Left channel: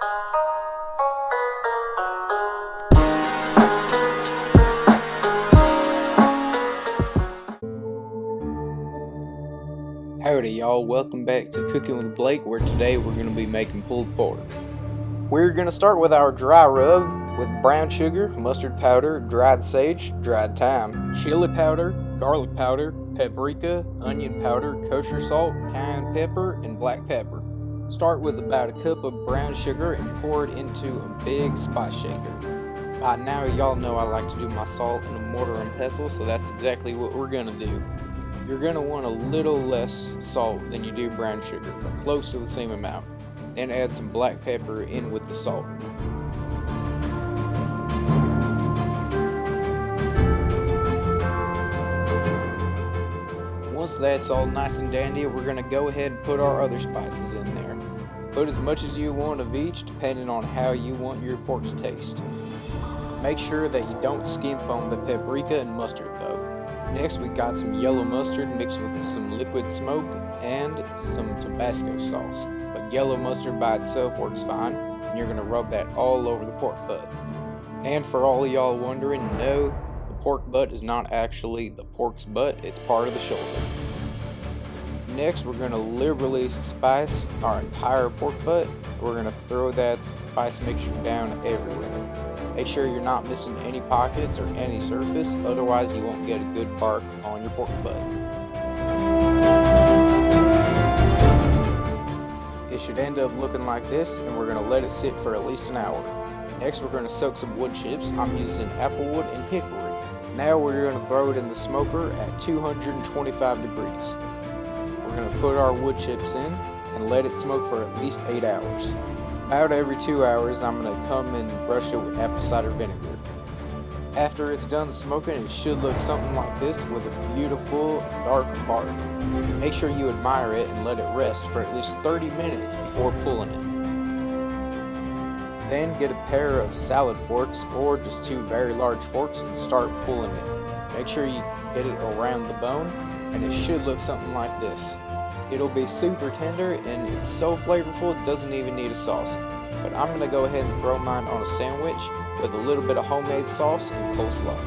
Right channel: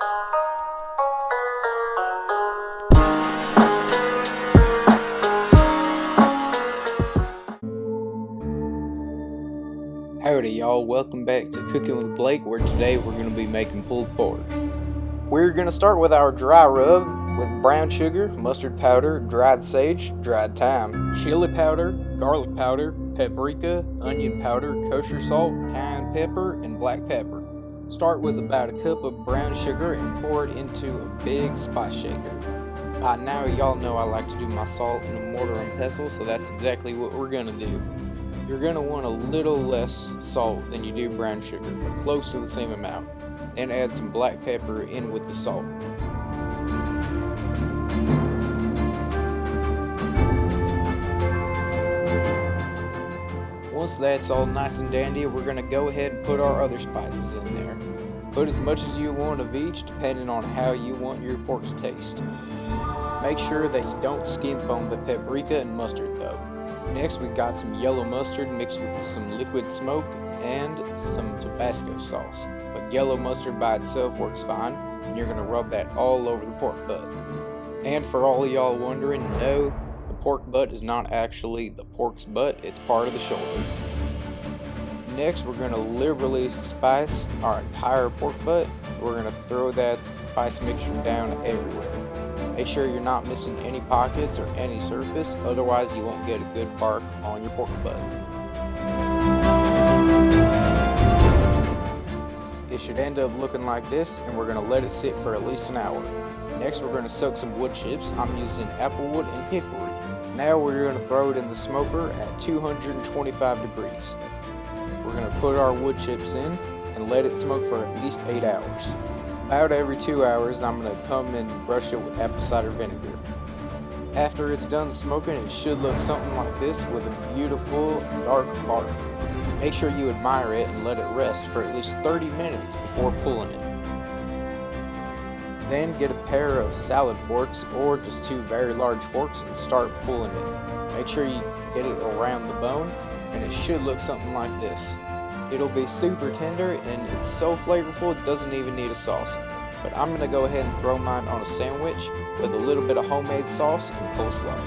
Howdy y'all, welcome back to Cooking with Blake, where today we're going to be making pulled pork. We're going to start with our dry rub with brown sugar, mustard powder, dried sage, dried thyme, chili powder, garlic powder, paprika, onion powder, kosher salt, cayenne pepper, and black pepper. Start with about a cup of brown sugar and pour it into a big spice shaker. By now y'all know I like to do my salt in a mortar and pestle, so that's exactly what we're going to do. You're going to want a little less salt than you do brown sugar, but close to the same amount. Then add some black pepper in with the salt. Once that's all nice and dandy, we're going to go ahead and put our other spices in there. Put as much as you want of each, depending on how you want your pork to taste. Make sure that you don't skimp on the paprika and mustard though. Next, we got some yellow mustard mixed with some liquid smoke and some Tabasco sauce. But yellow mustard by itself works fine, and you're going to rub that all over the pork butt. And for all of y'all wondering, no, the pork butt is not actually the pork's butt, it's part of the shoulder. Next, we're going to liberally spice our entire pork butt. We're going to throw that spice mixture down everywhere. Make sure you're not missing any pockets or any surface, otherwise you won't get a good bark on your pork butt. It should end up looking like this, and we're going to let it sit for at least an hour. Next, we're going to soak some wood chips. I'm using Applewood and Hickory. Now we're going to throw it in the smoker at 225 degrees. We're going to put our wood chips in and let it smoke for at least 8 hours. About every 2 hours, I'm going to come and brush it with apple cider vinegar. After it's done smoking, it should look something like this with a beautiful dark bark. Make sure you admire it and let it rest for at least 30 minutes before pulling it. Then get a pair of salad forks or just 2 very large forks and start pulling it. Make sure you get it around the bone, and it should look something like this. It'll be super tender and it's so flavorful it doesn't even need a sauce. But I'm going to go ahead and throw mine on a sandwich with a little bit of homemade sauce and coleslaw.